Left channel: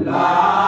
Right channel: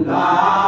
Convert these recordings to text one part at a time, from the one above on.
la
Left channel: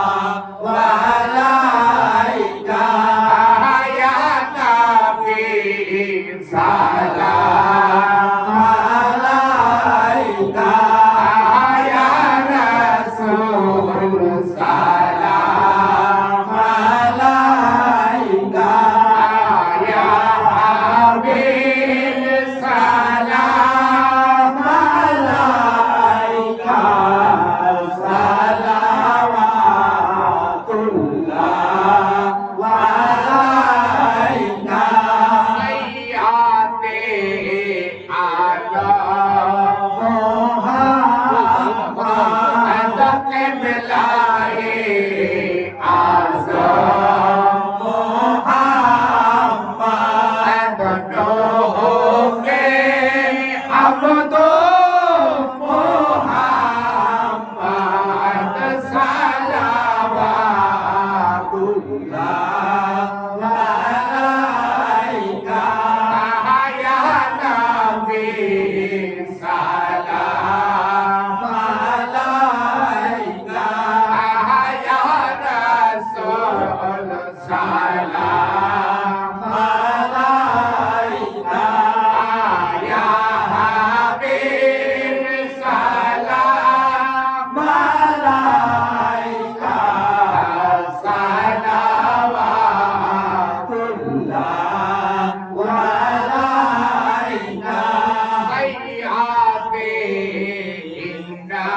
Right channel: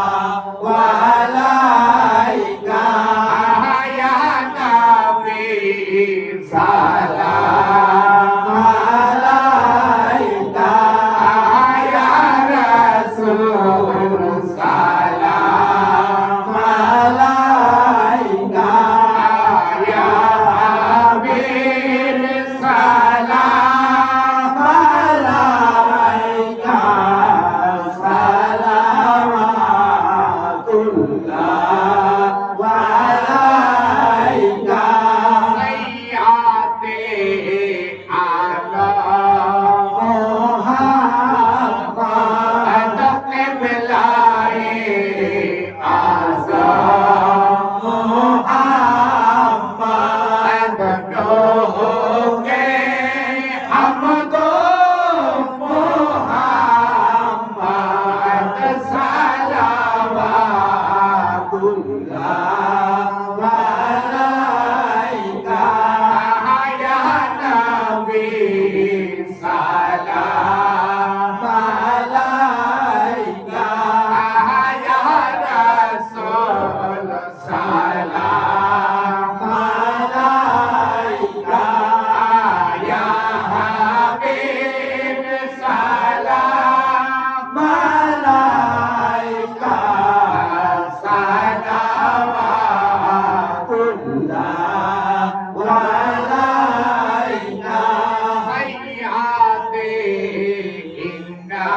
আমরা তো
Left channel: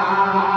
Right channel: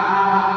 ah.